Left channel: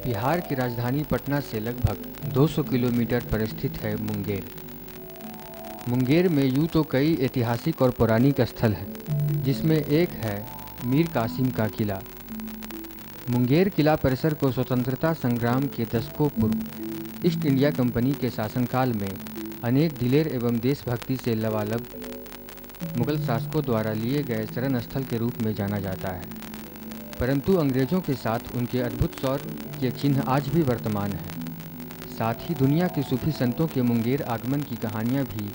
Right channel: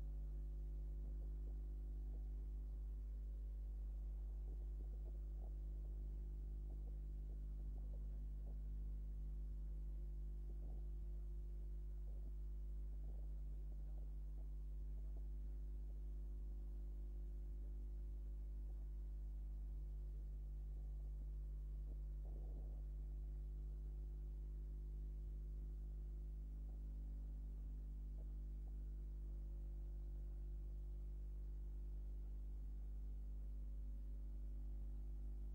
बिहार की राजधानी पटना से लगभग 200 किलोमीटर पर स्थित है मुंगेर। मुंगेर में यूँ तो कई ऐतिहासिक और पौराणिक स्थल हैं, जिसमें एक है मीर कासिम का किला। मुंगेर किला परिसर को स्वतंत्रता संग्राम के दशकों पूर्व ईस्ट इंडिया कंपनी के शासनकाल में अनेक दिलेर एवं देशभक्ति से लबालब मुगल शासकों द्वारा लिए गए शरण स्थल के रूप में जाना जाता है। परंतु अंग्रेज़ों के साथ उनके अद्भुत शौर्य के चिन्ह आज भी वर्तमान हैं। साथ ही दुनिया के सूफी संतों के मुंगेर आगमन की कहानियाँ भी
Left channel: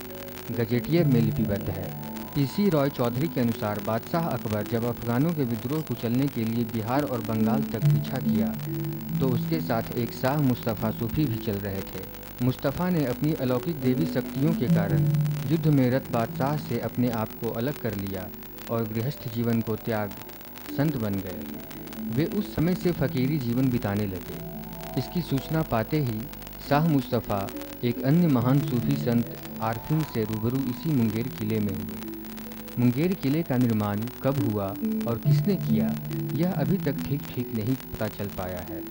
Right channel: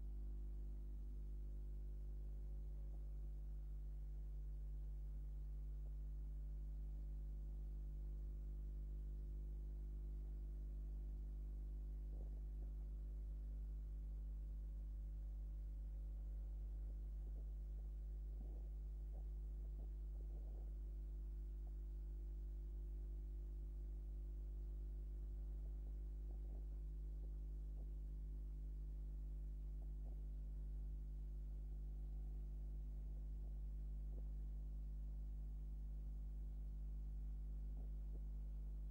गजेटियर में लिपिबद्ध है। पीसी रॉय चौधरी के अनुसार बादशाह अकबर जब अफगानों के विद्रोह को चलने के लिए बिहार और बंगाल तक पीछा किया तो उसके साथ एक शाह मुस्तफ़ा सूफी भी चल रहे थे। मुस्तफ़ा ने अपनी अलौकिक देवी शक्तियों के कारण युद्ध में रत बादशाह से अपने आप को अलग कर लिया और गृहस्थ जीवन को त्याग संत बन गए। वे उस समय से फ़कीरी जीवन बिताने लगे। इसकी सूचना पाते ही शाह मुस्तफ़ा एक अन्य महान सूफी संत आरफिन से रूबरू इसी मुंगेर किले में हुए। मुंगेर किले का निर्माण कब हुआ और किसने किया, यह अभी तक ठीक नहीं पता चल पाया है।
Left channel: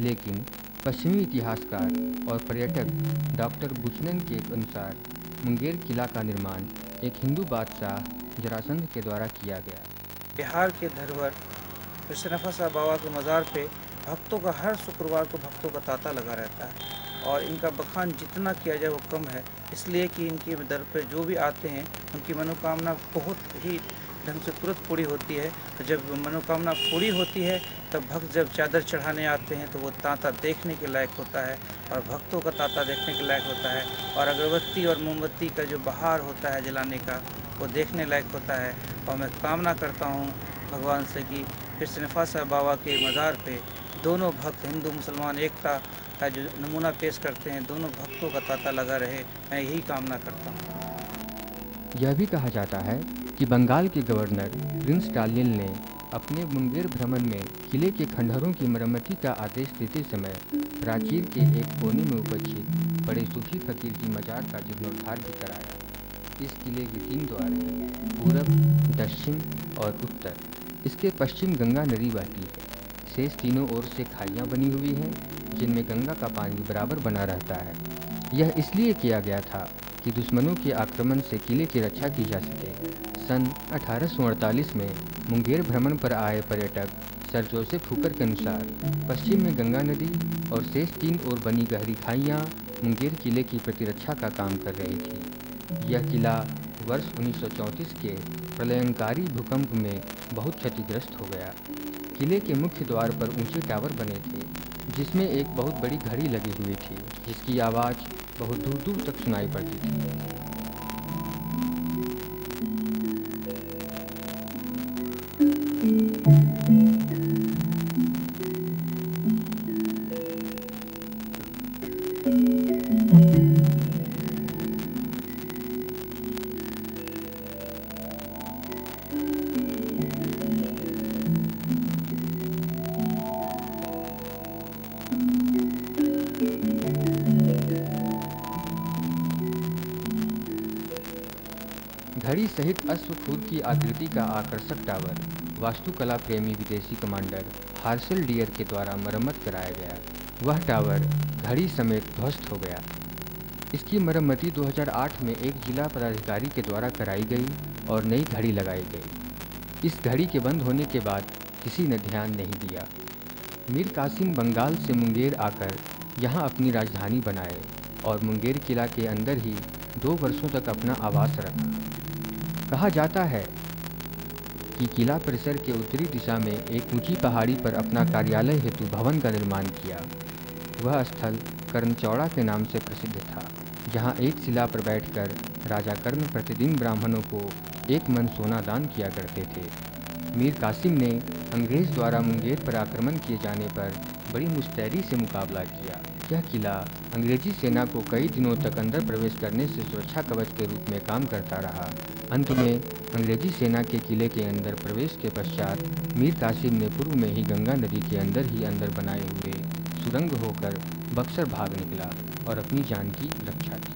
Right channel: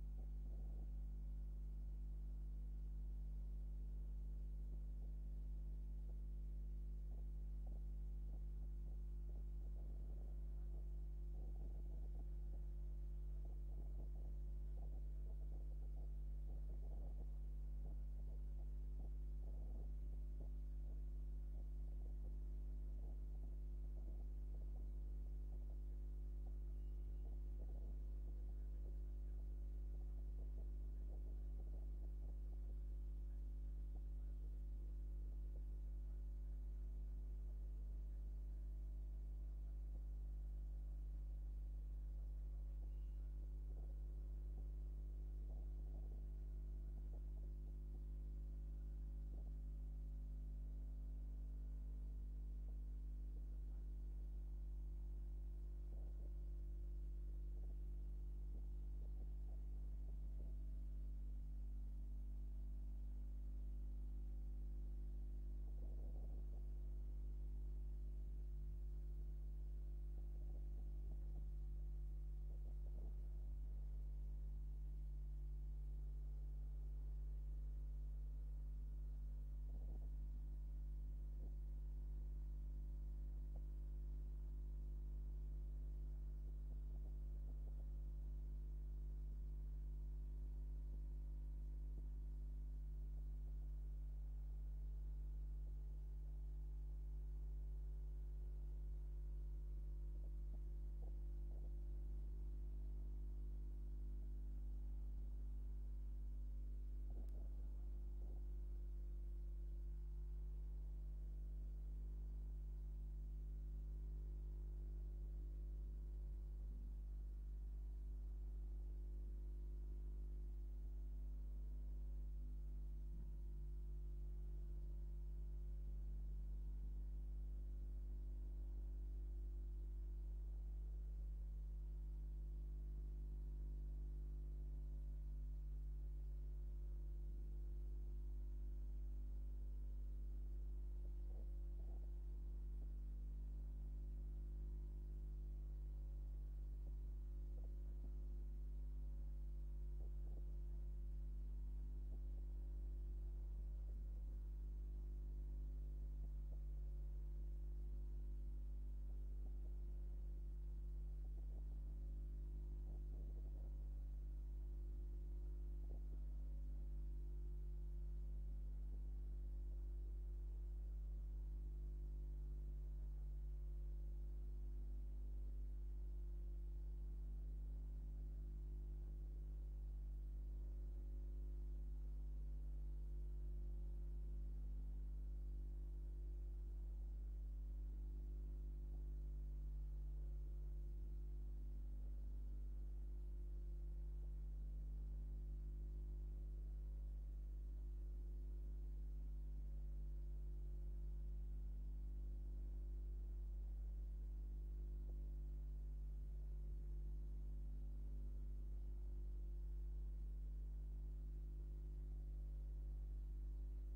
लेकिन पश्चिमी इतिहासकार और पर्यटक डॉक्टर बुचनन के अनुसार मुंगेर किला का निर्माण एक हिंदू बादशाह जरासंध के द्वारा किया गया। बिहार के धरोहर कृष्णफसा बाबा के मज़ार पे भक्तों का हर शुक्रवार को भक्तों का तांता लगा रहता है और इनका बखान जितना किया जाए वो कम है, इसलिए कि इनके दर पे जो भी आते हैं उनकी मनोकामना बहुत ही ढंग से तुरंत पूरी होती है। तो जब मनोकामना पूरी होती है तब भक्त जब चादर चढ़ाने आते हैं तो वो तांता देखने के लायक होता है और भक्तों का तांता देखने के लायक होता है और अगरबत्ती और मोमबत्ती का जो बहार होता है जलाने का वो देखने लायक होता है। और मैं कामना करता हूँ भगवान से कि कृष्णफसा बाबा के मज़ार पे दोनों भक्त हिंदू मुसलमान एकता का जो नमूना पेश करते हैं, दोनों भक्तों का तांता लगा रहे, मैं यही कामना करता हूँ। यह भी कहा जाता है कि बंगाल के गवर्नर प्रिंस टालियन ने अपने मुंगेर भ्रमण में किले के खंडहरों की मरम्मती का आदेश देते समय प्राचीर के एक कोने में उपस्थित बड़े सूफी फकीर की मजार का जीर्णोद्धार भी कराया। इस किले के 3 द्वार हैं, पूरब, दक्षिण और उत्तर। इसके पश्चिम गंगा नदी बहती है। शेष तीनों ओर से खाइयाँ बनी हुई हैं, जिनमें गंगा का पानी बराबर बना रहता है। यह इसलिए किया गया था कि दुश्मनों के आक्रमण से किले की रक्षा की जा सके। सन 1848 में मुंगेर भ्रमण पर आए पर्यटक सर जोसेफ हुकर के अनुसार पश्चिम में गंगा नदी और शेष 3 ओर बनी गहरी खाइयाँ मुंगेर किले की प्रतिरक्षा का काम कर रही थी। यह किला वर्ष 1934 के प्रलयंकारी भूकंप में बहुत क्षतिग्रस्त हो गया। किले के मुख्य द्वार पर ऊंचे टावर बने थे, जिसमें एक बहुत बड़ी घड़ी लगी हुई थी, जिसकी आवाज़ बहुत दूर दूर तक सुनाई पड़ती थी। घड़ी सहित अश्वखुर की आकृति का आकर्षक टावर वास्तुकला प्रेमी विदेशी कमांडर हार्शल डियर के द्वारा मरम्मत कराया गया। वह टावर घड़ी समेत ध्वस्त हो गया। इसकी मरम्मति 2008 में एक जिला पदाधिकारी के द्वारा कराई गई और नई घड़ी लगाई गई। इस घड़ी के बंद होने के बाद किसी ने ध्यान नहीं दिया। मीर कासिम बंगाल से मुंगेर आकर यहाँ अपनी राजधानी बनाए और मुंगेर किला के अंदर ही 2 वर्षों तक अपना आवास रखा। कहा जाता है कि किला परिसर के उत्तरी दिशा में एक ऊंची पहाड़ी पर अपना कार्यालय हेतु भवन का निर्माण किया। वह स्थल कर्णचौड़ा के नाम से प्रसिद्ध था, जहां एक शिला पर बैठकर राजा कर्ण प्रतिदिन ब्राह्मणों को 1 मन सोना दान किया करते थे। मीर कासिम ने अंग्रेज़ द्वारा मुंगेर पर आक्रमण किए जाने पर बड़ी मुस्तैदी से मुकाबला किया। यह किला अंग्रेजी सेना को कई दिनों तक अंदर प्रवेश करने से सुरक्षा कवच के रूप में काम करता रहा। अंत में अंग्रेजी सेना के किले के अंदर प्रवेश के पश्चात मीर कासिम ने पूर्व में ही गंगा नदी के अंदर ही अंदर बनाए हुए सुरंग होकर बक्सर भाग निकला और अपनी जान की रक्षा की।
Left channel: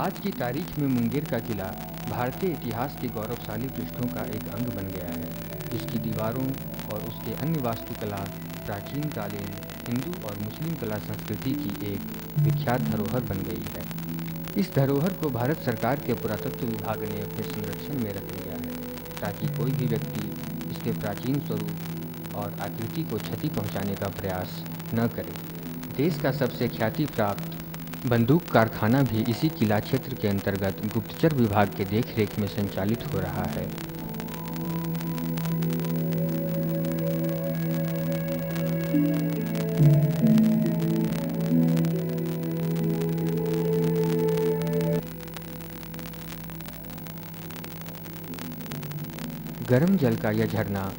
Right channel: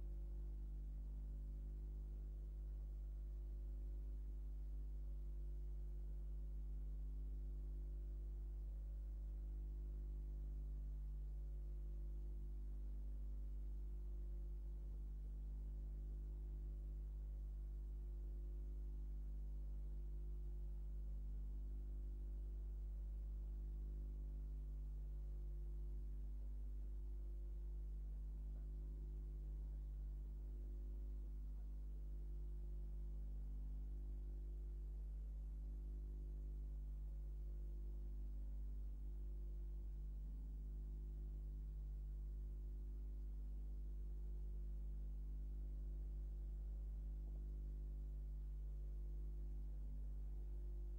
आज की तारीख में मुंगेर का किला भारतीय इतिहास के गौरवशाली पृष्ठों का एक अंग बन गया है, जिसकी दीवारों और उसके अन्य वास्तुकला प्राचीन कालीन हिंदू और मुस्लिम कला संस्कृति की एक विख्यात धरोहर बन गई है। इस धरोहर को भारत सरकार के पुरातत्व विभाग ने अपने संरक्षण में रख लिया है, ताकि कोई भी व्यक्ति इसके प्राचीन स्वरूप और आकृति को क्षति पहुंचाने का प्रयास न करे। देश का सबसे ख्याति प्राप्त बंदूक कारखाना भी इसी किला क्षेत्र के अंतर्गत गुप्तचर विभाग के देखरेख में संचालित हो रहा है। गर्म जल का यह झरना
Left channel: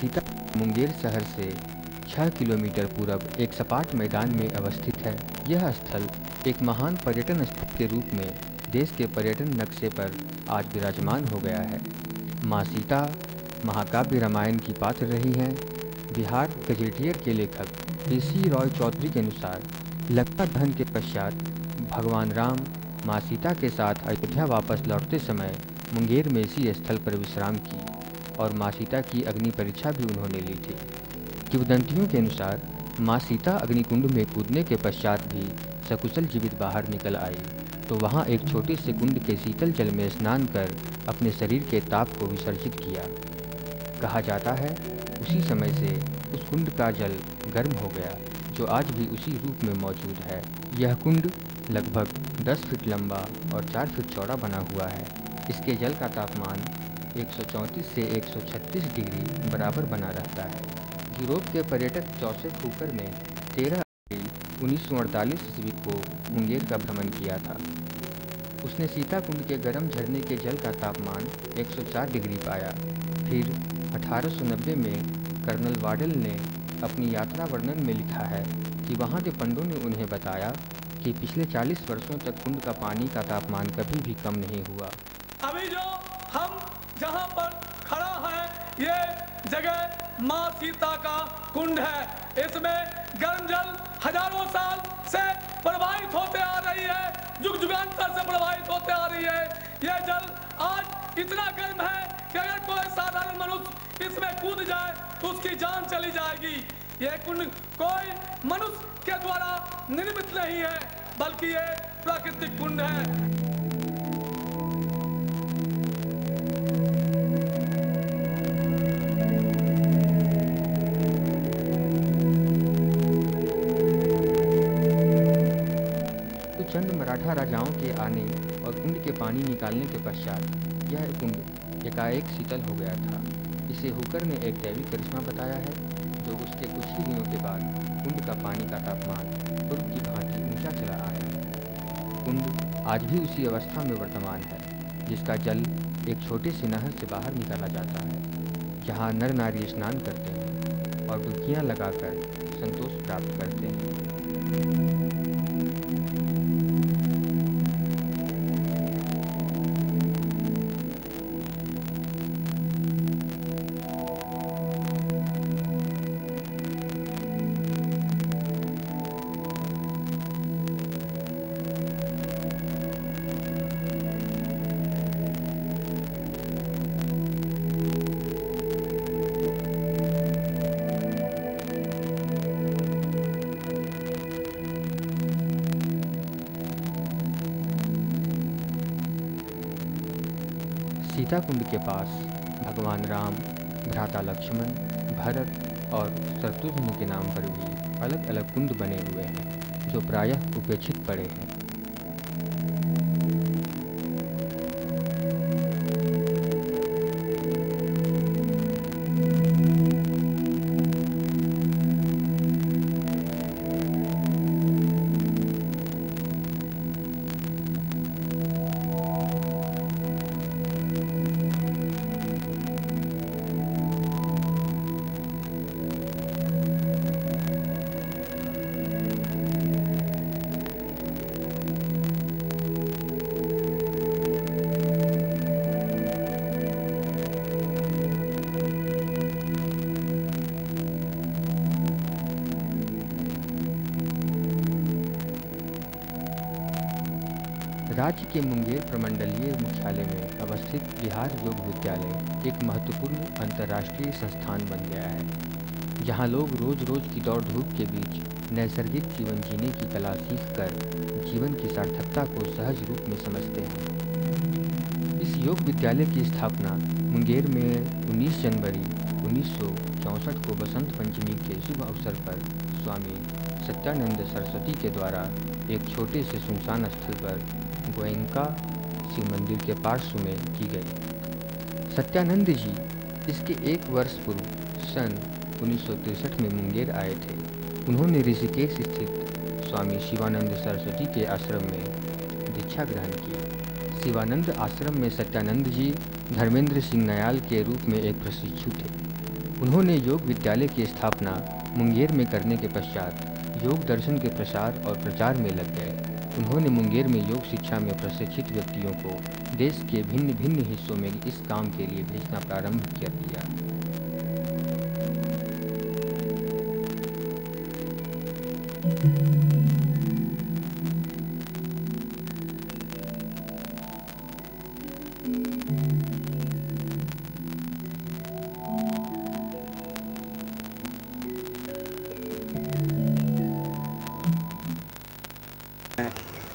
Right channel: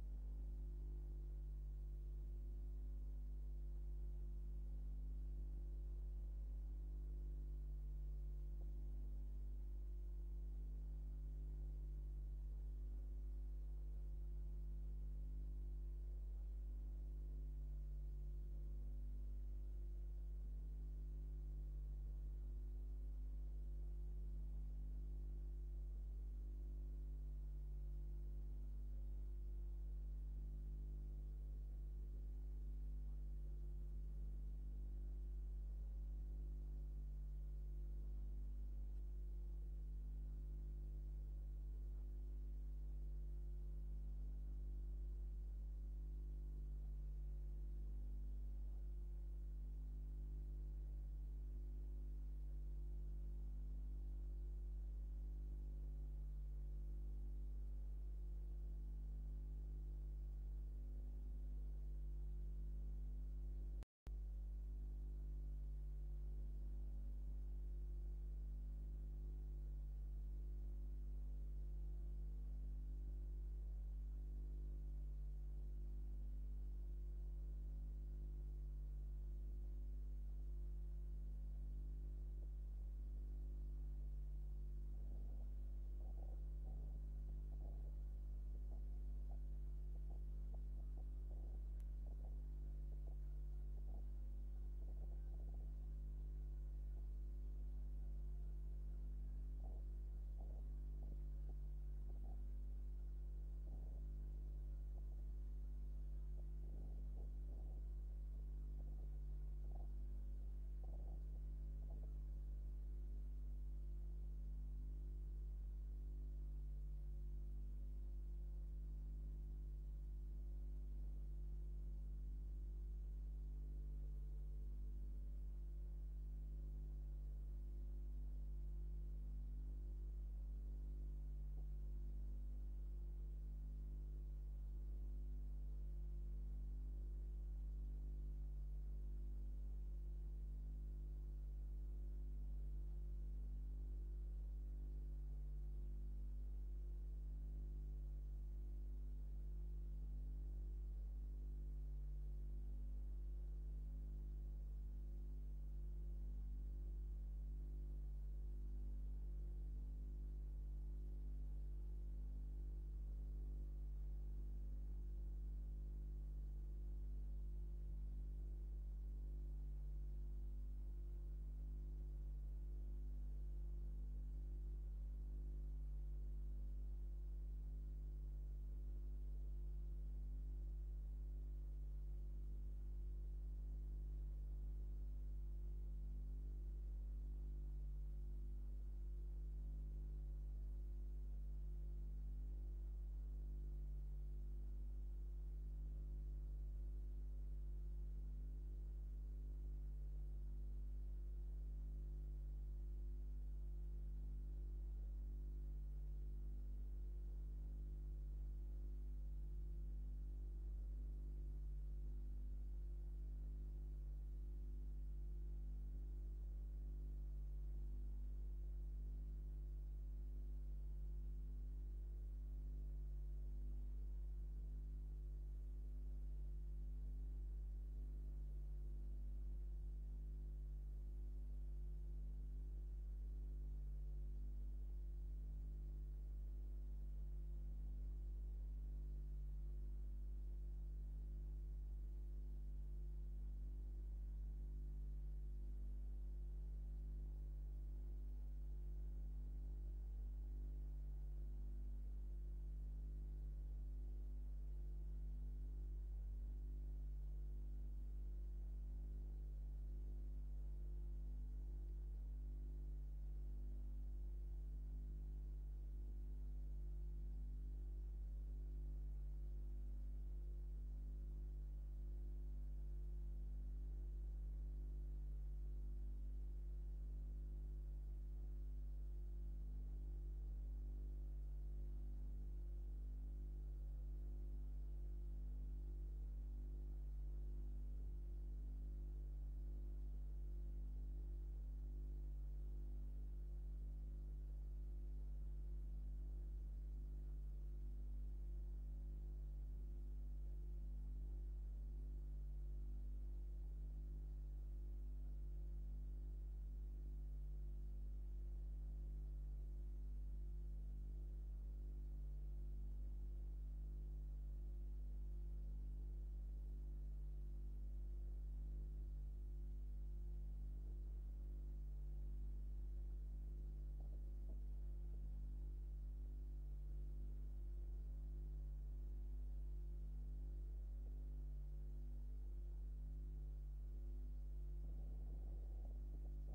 सीता मुंगेर शहर से 6 किलोमीटर पूरब एक सपाट मैदान में अवस्थित है। यह स्थल एक महान पर्यटन स्थल के रूप में देश के पर्यटन नक्शे पर आज विराजमान हो गया है। माँ सीता महाकाव्य रामायण की पात्र रही हैं। बिहार गजेटियर के लेखक PC रॉय चौधरी के अनुसार लंका दहन के पश्चात भगवान राम माँ सीता के साथ अयोध्या वापस लौटते समय मुंगेर में इसी स्थल पर विश्राम की और माँ सीता की अग्नि परीक्षा भी उन्होंने ली थी। किंवदंतियों के अनुसार माँ सीता अग्निकुंड में कूदने के पश्चात भी सकुशल जीवित बाहर निकल आई, तो वहाँ एक छोटे से कुंड के शीतल जल में स्नान कर अपने शरीर के ताप को विसर्जित किया। कहा जाता है उसी समय से उस कुंड का जल गर्म हो गया, जो आज भी उसी रूप में मौजूद है। यह कुंड लगभग 10 फीट लंबा और 4 फीट चौड़ा बना हुआ है। इसके जल का तापमान 134 से 136 डिग्री बराबर बना रहता है। यूरोप के पर्यटक जोसेफ हुकर ने 13 अप्रैल 1948 ईस्वी को मुंगेर का भ्रमण किया था। उसने सीता कुंड के गर्म झरने के जल का तापमान 104 डिग्री पाया। फिर 1890 में कर्नल वाडल ने अपनी यात्रा वर्णन में लिखा है कि वहाँ के पंडों ने उन्हें बताया कि पिछले 40 वर्षों तक कुंड का पानी का तापमान कभी भी कम नहीं हुआ। अभी जो हम जहाँ पर खड़ा है, ये जगह माँ सीता का कुंड है। इसमें गर्म जल हजारों साल से प्रवाहित होते आ रही है, युग युगांतर से प्रवाहित होते आ रही है। यह जल आज इतना गर्म है कि अगर कोई साधारण मनुष्य इसमें कूद जाए तो उसकी जान चली जाएगी। यह कुंड कोई मनुष्य के द्वारा निर्मित नहीं है, बल्कि ये प्राकृतिक कुंड है। चंद मराठा राजाओं के आने और कुंड के पानी निकालने के पश्चात यह कुंड एकाएक शीतल हो गया था। इसे हुकर ने एक दैविक करिश्मा बताया है, जो उसके कुछ ही दिनों के बाद कुंड का पानी का तापमान पूर्व की भांति ऊंचा चला आया। कुंड आज भी उसी अवस्था में वर्तमान है, जिसका जल एक छोटे से नहर से बाहर निकाला जाता है, जहाँ नर नारी स्नान करते हैं और डुबकियाँ लगाकर संतोष प्राप्त करते हैं। सीता कुंड के पास भगवान राम, भ्राता लक्ष्मण, भरत और शत्रुघ्न के नाम पर भी अलग अलग कुंड बने हुए हैं, जो प्रायः उपेक्षित पड़े हैं। राज्य के मुंगेर प्रमंडलीय मुख्यालय में अवस्थित बिहार योग विद्यालय एक महत्वपूर्ण अंतर्राष्ट्रीय संस्थान बन गया है, जहां लोग रोज रोज की दौड़ धूप के बीच नैसर्गिक जीवन जीने की कला सीखकर जीवन की सार्थकता को सहज रूप में समझते हैं। इस योग विद्यालय की स्थापना मुंगेर में 19 जनवरी 1964 को बसंत पंचमी के शुभ अवसर पर स्वामी सत्यानंद सरस्वती के द्वारा एक छोटे से सुनसान स्थल पर गोयंका शिव मंदिर के पार्श्व में की गई। सत्यानंद जी इसके एक वर्ष पूर्व सन 1963 में मुंगेर आए थे। उन्होंने ऋषिकेश स्थित स्वामी शिवानंद सरस्वती के आश्रम में दीक्षा ग्रहण की। शिवानंद आश्रम में सत्यानंद जी धर्मेंद्र सिंह नयाल के रूप में एक प्रशिक्षु थे। उन्होंने योग विद्यालय की स्थापना मुंगेर में करने के पश्चात योग दर्शन के प्रसार और प्रचार में लग गए। उन्होंने मुंगेर में योग शिक्षा में प्रशिक्षित व्यक्तियों को देश के भिन्न भिन्न हिस्सों में इस काम के लिए भेजना प्रारंभ कर दिया।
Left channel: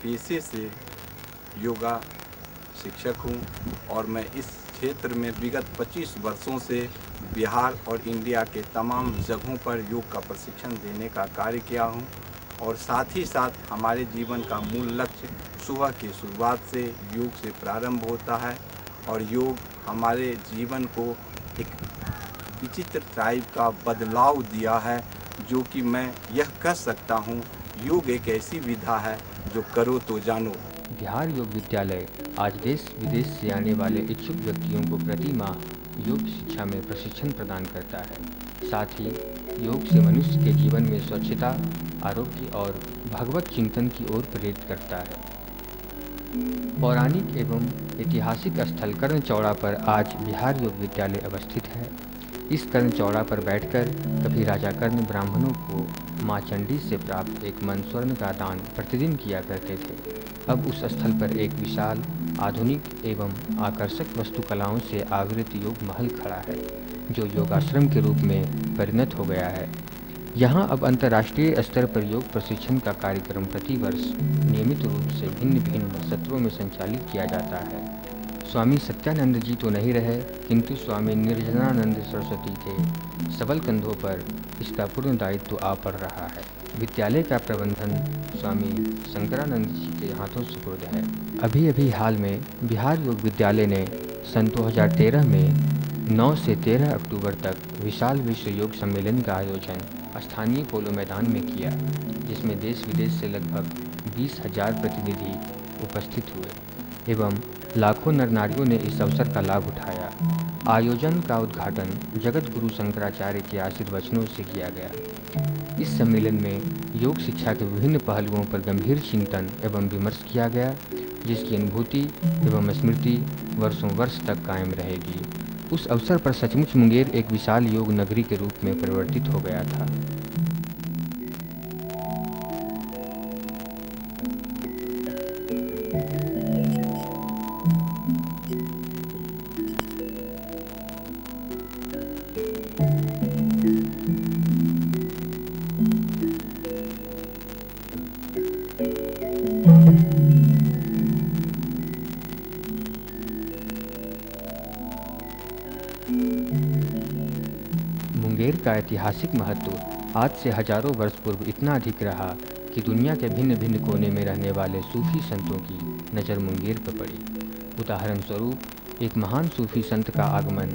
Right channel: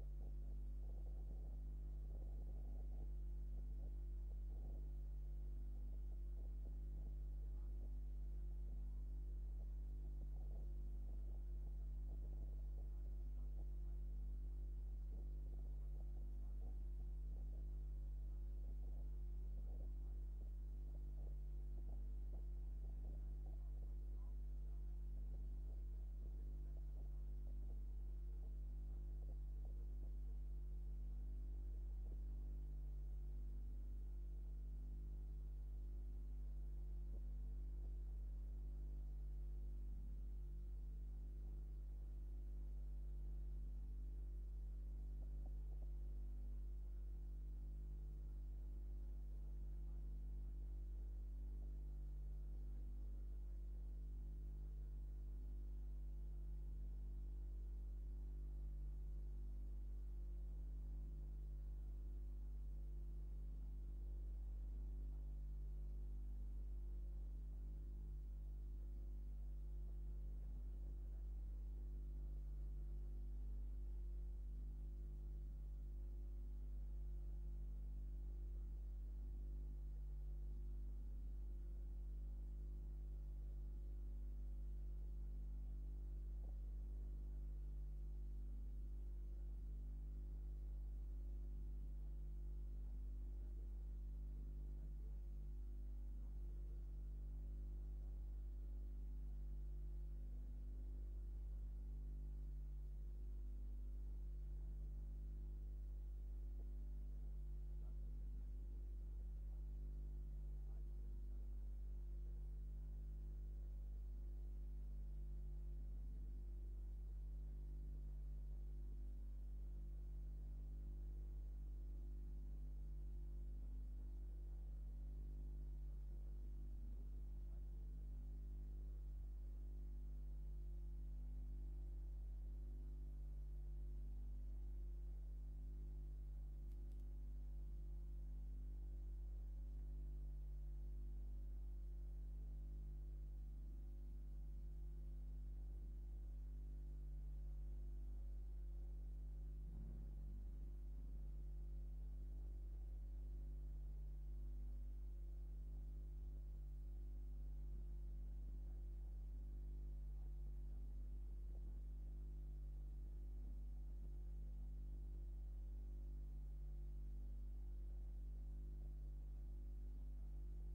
पेशे से योगा शिक्षक हूँ और मैं इस क्षेत्र में विगत 25 वर्षों से बिहार और इंडिया के तमाम जगहों पर योग का प्रशिक्षण देने का कार्य किया हूँ। और साथ ही साथ हमारे जीवन का मूल लक्ष्य सुबह की शुरुआत से योग से प्रारंभ होता है और योग हमारे जीवन को एक विचित्र टाइप का बदलाव दिया है, जो कि मैं यह कह सकता हूँ योग एक ऐसी विधा है जो करो तो जानो। बिहार योग विद्यालय आज देश विदेश से आने वाले इच्छुक व्यक्तियों को प्रति माह योग शिक्षा में प्रशिक्षण प्रदान करता है। साथ ही योग से मनुष्य के जीवन में स्वच्छता, आरोग्य और भगवत चिंतन की ओर प्रेरित करता है। पौराणिक एवं ऐतिहासिक स्थल कर्णचौड़ा पर आज बिहार योग विद्यालय अवस्थित है। इस कर्णचौड़ा पर बैठकर कभी राजा कर्ण ब्राह्मणों को माँ चंडी से प्राप्त एक मन स्वर्ण का दान प्रतिदिन किया करते थे। अब उस स्थल पर एक विशाल, आधुनिक एवं आकर्षक वास्तुकलाओं से आवृत योग महल खड़ा है, जो योगाश्रम के रूप में परिणत हो गया है। यहाँ अब अंतर्राष्ट्रीय स्तर पर योग प्रशिक्षण का कार्यक्रम प्रतिवर्ष नियमित रूप से भिन्न भिन्न सत्रों में संचालित किया जाता है। स्वामी सत्यानंद जी तो नहीं रहे, किंतु स्वामी निर्जनानंद सरस्वती के सबल कंधों पर इसका पूर्ण दायित्व आ पड़ रहा है। विद्यालय का प्रबंधन स्वामी शंकरानंद जी के हाथों सुपुर्द है। अभी हाल में बिहार योग विद्यालय ने सन 2013 में 9 से 13 अक्टूबर तक विशाल विश्व योग सम्मेलन का आयोजन स्थानीय पोलो मैदान में किया, जिसमें देश विदेश से लगभग 20,000 प्रतिनिधि उपस्थित हुए एवं लाखों नर नारियों ने इस अवसर का लाभ उठाया। आयोजन का उद्घाटन जगत गुरु शंकराचार्य के आशीर्वचनों से किया गया। इस सम्मेलन में योग शिक्षा के विभिन्न पहलुओं पर गंभीर चिंतन एवं विमर्श किया गया, जिसकी अनुभूति एवं स्मृति वर्षों वर्ष तक कायम रहेगी। उस अवसर पर सचमुच मुंगेर एक विशाल योग नगरी के रूप में परिवर्तित हो गया था। मुंगेर का ऐतिहासिक महत्व आज से हजारों वर्ष पूर्व इतना अधिक रहा कि दुनिया के भिन्न भिन्न कोने में रहने वाले सूफी संतों की नज़र मुंगेर पर पड़ी। उदाहरण स्वरूप एक महान सूफी संत का आगमन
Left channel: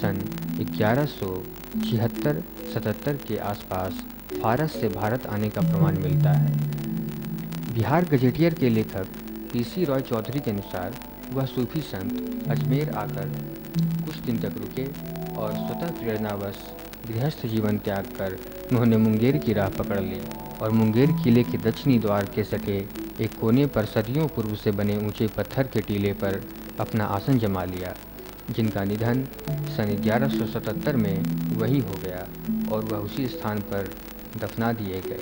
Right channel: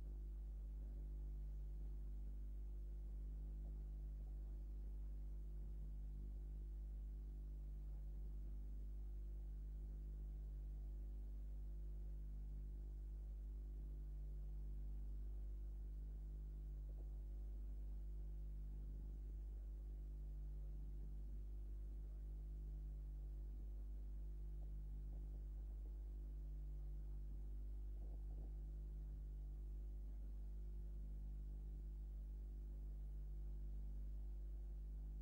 सन 1176-77 के आसपास फारस से भारत आने का प्रमाण मिलता है। बिहार गजेटियर के लेखक पीसी रॉय चौधरी के अनुसार वह सूफी संत अजमेर आकर कुछ दिन तक रुके और स्वतः प्रेरणावश गृहस्थ जीवन त्याग कर उन्होंने मुंगेर की राह पकड़ ली और मुंगेर किले के दक्षिणी द्वार के सटे एक कोने पर सदियों पूर्व से बने ऊंचे पत्थर के टीले पर अपना आसन जमा लिया, जिनका निधन सन 1177 में वहीं हो गया और वह उसी स्थान पर दफना दिए गए।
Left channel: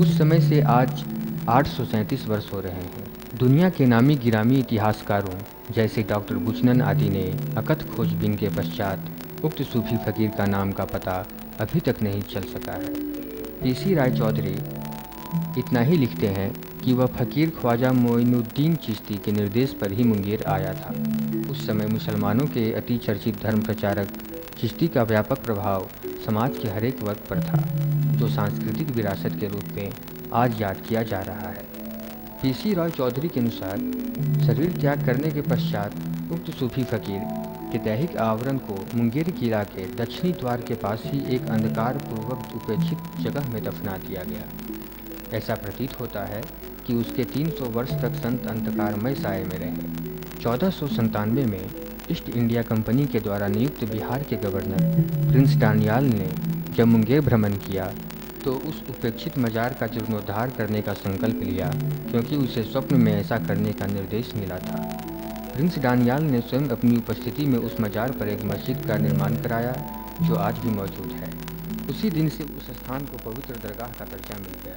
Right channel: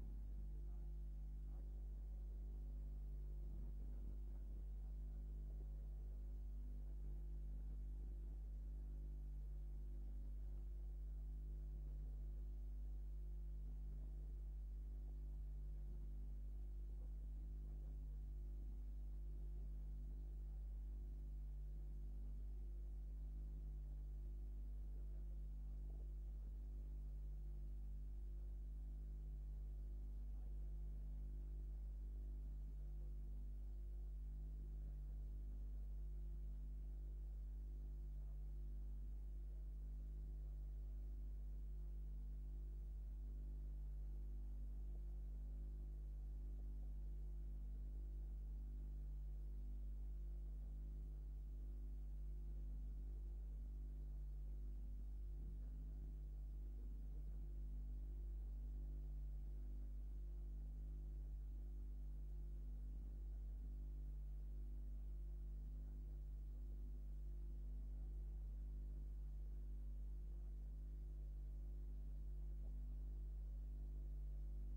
उस समय से आज 837 वर्ष हो रहे हैं। दुनिया के नामी गिरामी इतिहासकारों जैसे डॉक्टर बुचनन आदि ने अकथ खोजबीन के पश्चात उक्त सूफी फकीर का नाम का पता अभी तक नहीं चल सका है। पीसी राय चौधरी इतना ही लिखते हैं कि वह फकीर ख्वाजा मोइनुद्दीन चिश्ती के निर्देश पर ही मुंगेर आया था। उस समय मुसलमानों के अति चर्चित धर्म प्रचारक चिश्ती का व्यापक प्रभाव समाज के हरेक वर्ग पर था, जो सांस्कृतिक विरासत के रूप में आज याद किया जा रहा है। पीसी रॉय चौधरी के अनुसार शरीर त्याग करने के पश्चात उक्त सूफी फकीर के दैहिक आवरण को मुंगेर किला के दक्षिणी द्वार के पास ही एक अंधकार पूर्वक उपेक्षित जगह में दफना दिया गया। ऐसा प्रतीत होता है कि उसके 300 वर्ष तक संत अंधकारमय साये में रहे। 1497 में ईस्ट इंडिया कंपनी के द्वारा नियुक्त बिहार के गवर्नर प्रिंस डानियाल ने जब मुंगेर भ्रमण किया तो उस उपेक्षित मजार का जीर्णोद्धार करने का संकल्प लिया, क्योंकि उसे स्वप्न में ऐसा करने का निर्देश मिला था। प्रिंस डानियाल ने स्वयं अपनी उपस्थिति में उस मजार पर एक मस्जिद का निर्माण कराया, जो आज भी मौजूद है। उसी दिन से उस स्थान को पवित्र दरगाह का दर्जा मिल गया।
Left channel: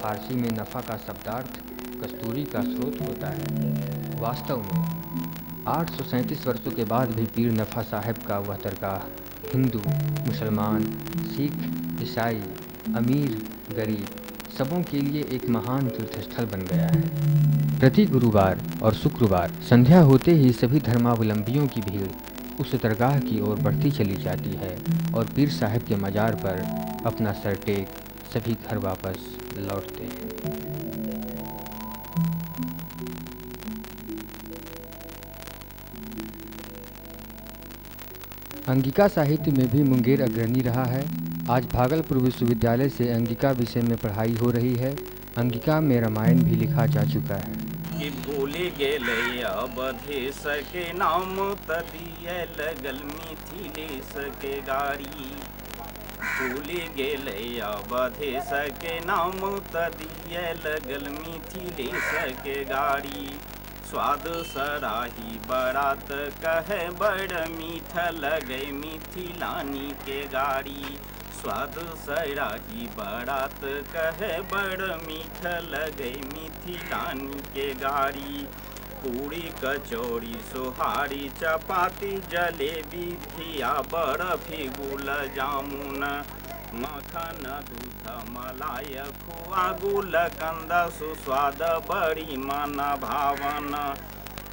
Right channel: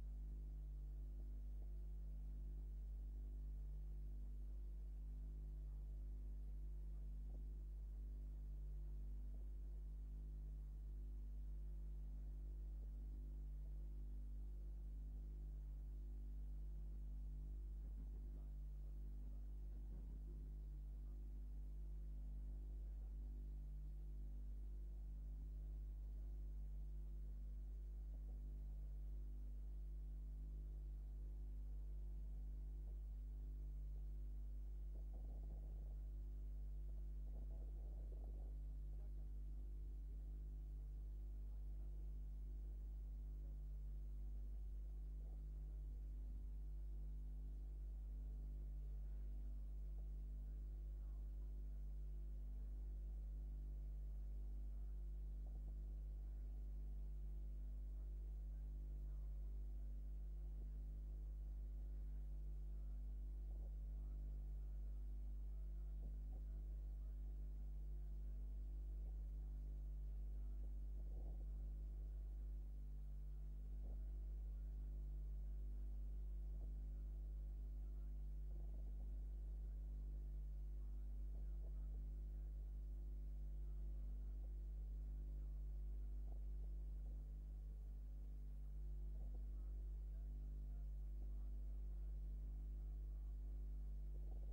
फारसी में नफ़ा का शब्दार्थ कस्तूरी का स्रोत होता है। वास्तव में 837 वर्षों के बाद भी पीर नफ़ा साहब का वह दरगाह हिंदू, मुसलमान, सिख, ईसाई, अमीर, गरीब सबों के लिए एक महान तीर्थस्थल बन गया है। प्रति गुरुवार और शुक्रवार संध्या होते ही सभी धर्मावलंबियों की भीड़ उस दरगाह की ओर बढ़ती चली जाती है और पीर साहब के मजार पर अपना सर टेक सभी घर वापस लौटते हैं। अंगिका साहित्य में भी मुंगेर अग्रणी रहा है। आज भागलपुर विश्वविद्यालय से अंगिका विषय में पढ़ाई हो रही है। अंगिका में रामायण भी लिखा जा चुका है। कि भूल गेले अवधेश के नाम तदिए लगल मिथिलेश के गाड़ी। भूल गेले अवधेश के नाम तदिए लगल मिथिलेश के गाड़ी। स्वाद सराही बरात कहे बड़ मीठ लगे मिथिलानी के गाड़ी। स्वाद सराही बारात कहे बड़ मीठ लगे मिथिलानी के गाड़ी। पूरी कचौड़ी सोहारी चपाती जलेबी धिया बर्फी गुल जामुन। मखन दूध मलाई खुआ गुल कंद सुस्वाद बड़ी मन भावन।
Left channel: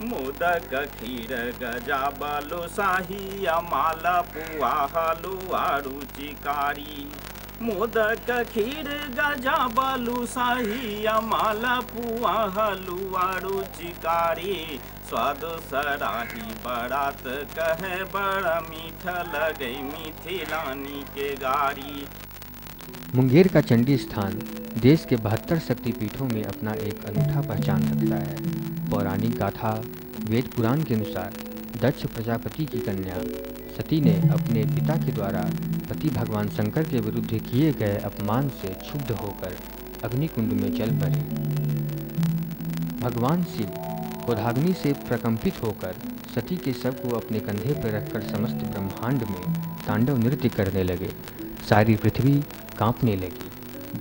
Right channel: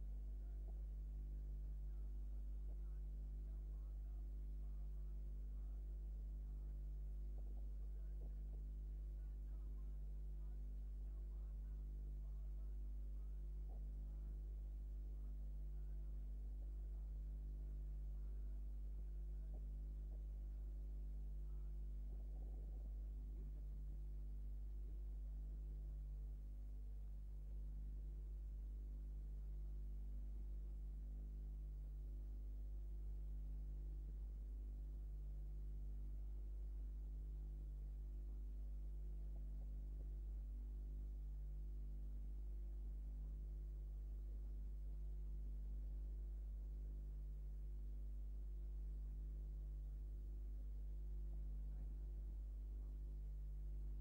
मोदक खीर गजा बालूशाही माला पुआ हलुआ रुचिकारी। मोदक खीर गजा बालूशाही माला पुआ हलुआ रुचिकारी। स्वाद सराही बारात कहे बड़ा मीठ लगे मिथिलानी के गाड़ी। मुंगेर का चंडी स्थान देश के 72 शक्तिपीठों में अपना एक अनूठा पहचान रखता है। पौराणिक गाथा वेद पुराण के अनुसार दक्ष प्रजापति की कन्या सती ने अपने पिता के द्वारा पति भगवान शंकर के विरुद्ध किए गए अपमान से क्षुब्ध होकर अग्निकुंड में जल पड़े। भगवान शिव क्रोधाग्नि से प्रकंपित होकर सती के शव को अपने कंधे पर रखकर समस्त ब्रह्मांड में तांडव नृत्य करने लगे। सारी पृथ्वी कांपने लगी।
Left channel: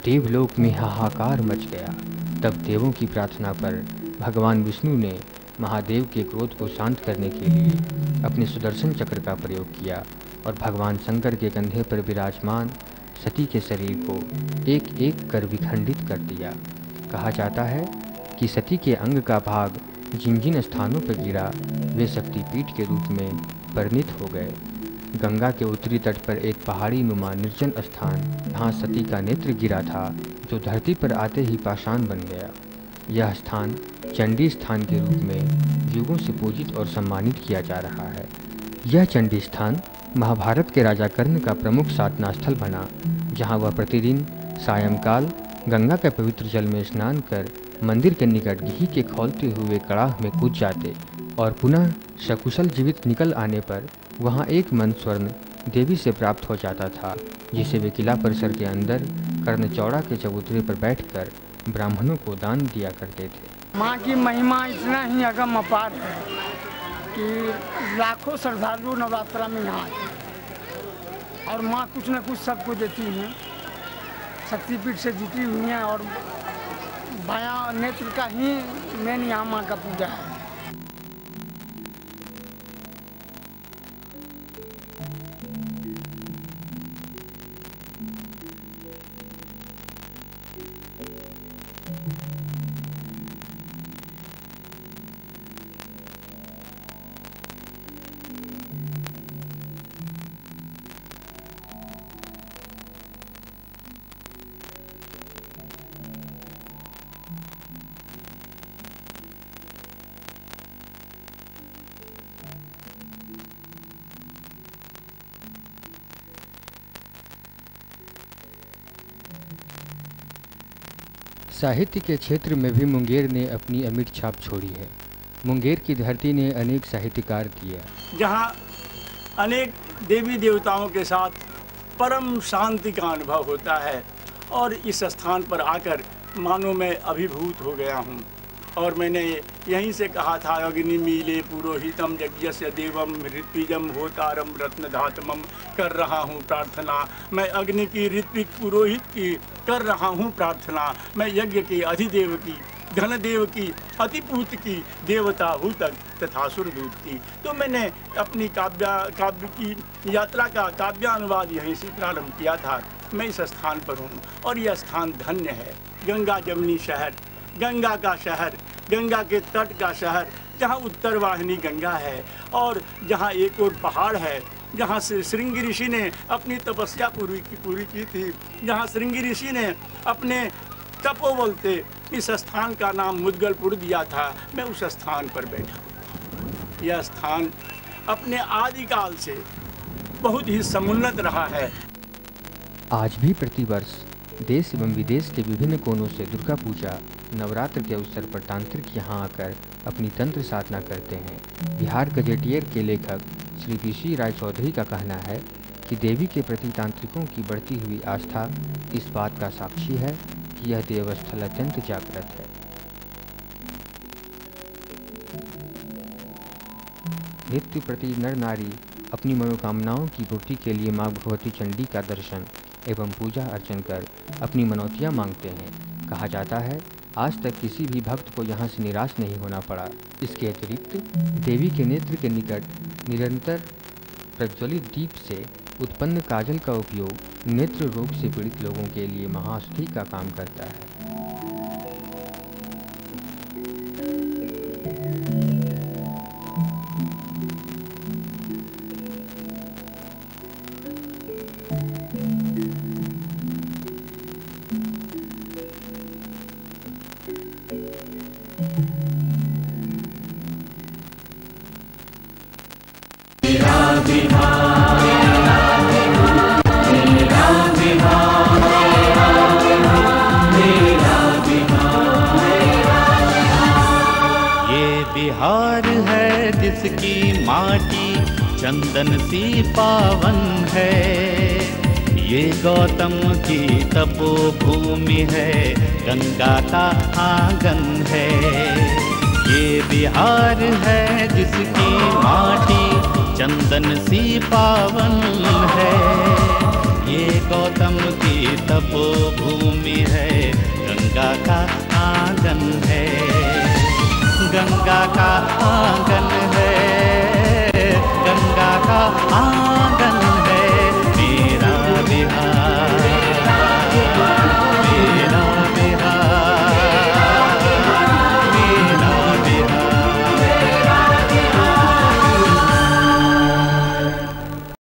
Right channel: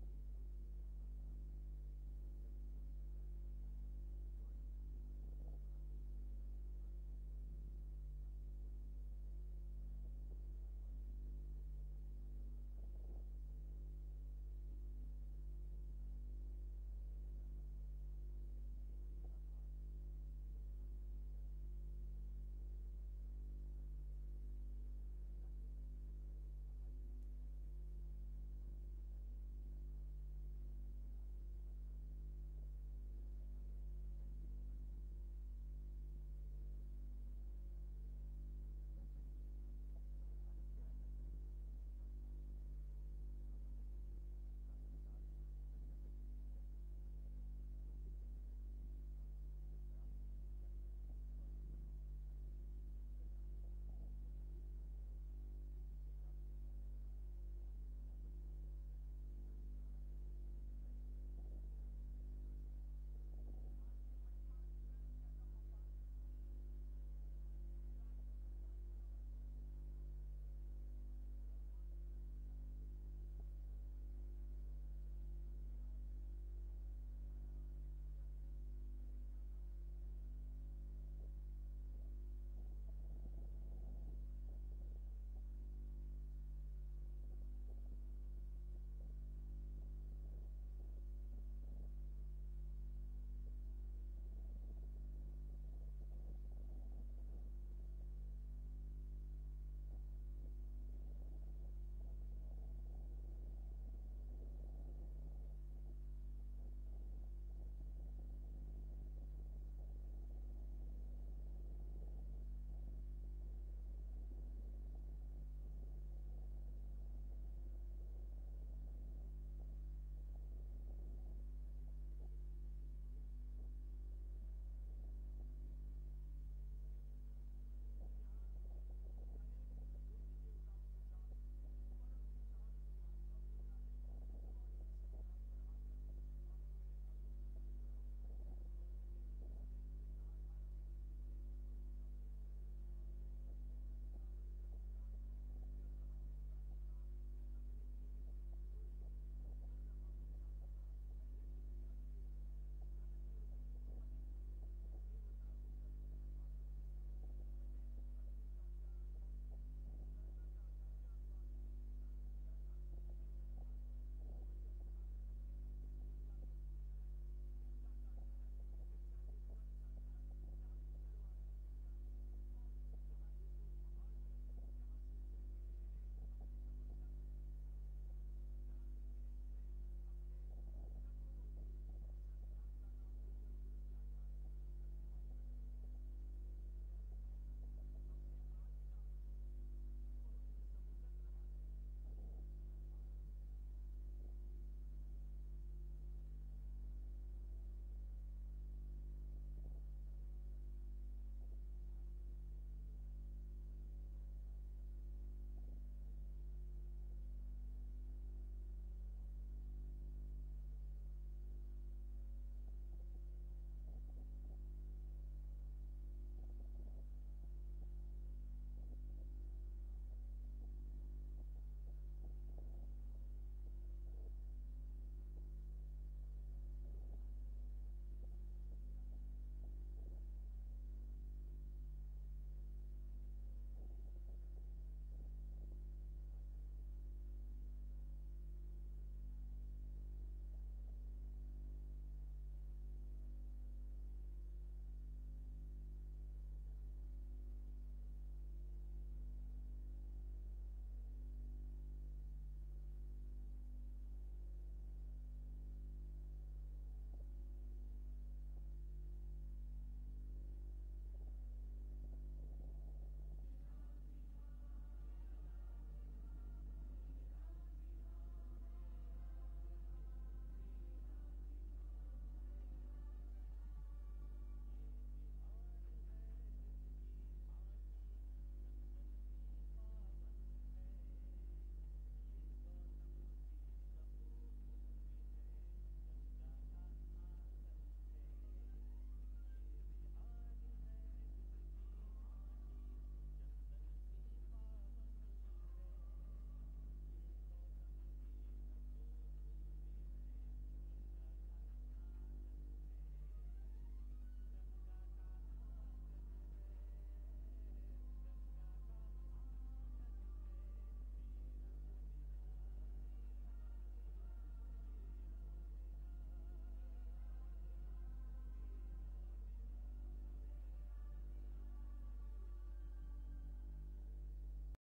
देवलोक में हाहाकार मच गया। तब देवों की प्रार्थना पर भगवान विष्णु ने महादेव के क्रोध को शांत करने के लिए अपने सुदर्शन चक्र का प्रयोग किया और भगवान शंकर के कंधे पर विराजमान सती के शरीर को एक एक कर विखंडित कर दिया। कहा जाता है कि सती के अंग का भाग जिन जिन स्थानों पर गिरा वे शक्तिपीठ के रूप में परिणित हो गए। गंगा के उत्तरी तट पर एक पहाड़ी नुमा निर्जन स्थान जहाँ सती का नेत्र गिरा था, जो धरती पर आते ही पाषाण बन गया। यह स्थान चंडी स्थान के रूप में युगों से पूजित और सम्मानित किया जा रहा है। यह चंडी स्थान महाभारत के राजा कर्ण का प्रमुख साधना स्थल बना, जहाँ वह प्रतिदिन सायंकाल गंगा के पवित्र जल में स्नान कर मंदिर के निकट घी के खौलते हुए कड़ाह में कूद जाते और पुनः सकुशल जीवित निकल आने पर वहाँ एक मन स्वर्ण देवी से प्राप्त हो जाता था, जिसे वे किला परिसर के अंदर कर्णचौड़ा के चबूतरे पर बैठकर ब्राह्मणों को दान दिया करते थे। माँ की महिमा इतना ही अगम अपार है कि लाखों श्रद्धालु नवरात्रा में यहाँ आते और माँ कुछ न कुछ सबको देती हैं। शक्तिपीठ से जुटी हुई हैं और बायां नेत्र का ही मेन यहाँ माँ का पूजा है। साहित्य के क्षेत्र में भी मुंगेर ने अपनी अमिट छाप छोड़ी है। मुंगेर की धरती ने अनेक साहित्यकार दिया, जहाँ अनेक देवी देवताओं के साथ परम शांति का अनुभव होता है और इस स्थान पर आकर मानो मैं अभिभूत हो गया हूँ। और मैंने यहीं से कहा था, अग्निमीले पुरोहितम यज्ञस्य देवम ऋत्विजम होतारम रत्नधातमम, कर रहा हूँ प्रार्थना मैं अग्नि की, ऋत्विक पुरोहित की कर रहा हूँ प्रार्थना मैं, यज्ञ के अधिदेव की, धनदेव की, अतिपूत की, देवता हूतक तथा सुरदूत की। तो मैंने अपनी काव्य की यात्रा का काव्यानुवाद यहीं से प्रारंभ किया था। मैं इस स्थान पर हूँ और यह स्थान धन्य है। गंगा जमनी शहर, गंगा का शहर, गंगा के तट का शहर, जहाँ उत्तर वाहिनी गंगा है और जहाँ एक और पहाड़ है, जहाँ से श्रृंगी ऋषि ने अपनी तपस्या पूरी की थी, जहाँ श्रृंगी ऋषि ने अपने तपोबल से इस स्थान का नाम मुद्गलपुर दिया था। मैं उस स्थान पर बैठा। यह स्थान अपने आदिकाल से बहुत ही समुन्नत रहा है। आज भी प्रतिवर्ष देश एवं विदेश के विभिन्न कोनों से दुर्गा पूजा नवरात्र के अवसर पर तांत्रिक यहाँ आकर अपनी तंत्र साधना करते हैं। बिहार गजेटियर के लेखक श्री पीसी राय चौधरी का कहना है कि देवी के प्रति तांत्रिकों की बढ़ती हुई आस्था इस बात का साक्षी है कि यह देवस्थल अत्यंत जागृत है। नित्य प्रति नर नारी अपनी मनोकामनाओं की पूर्ति के लिए माँ भगवती चंडी का दर्शन एवं पूजा अर्चन कर अपनी मनौतियाँ मांगते हैं। कहा जाता है आज तक किसी भी भक्त को यहाँ से निराश नहीं होना पड़ा। इसके अतिरिक्त देवी के नेत्र के निकट निरंतर प्रज्वलित दीप से उत्पन्न काजल का उपयोग नेत्र रोग से पीड़ित लोगों के लिए महाऔषधि का काम करता है। जिसकी माटी चंदन सी पावन है, ये गौतम की तपोभूमि है, गंगा का आंगन है। ये बिहार है जिसकी माटी चंदन सी पावन है, ये गौतम की तपोभूमि है, गंगा का आंगन है, गंगा का आंगन है, गंगा का आंगन।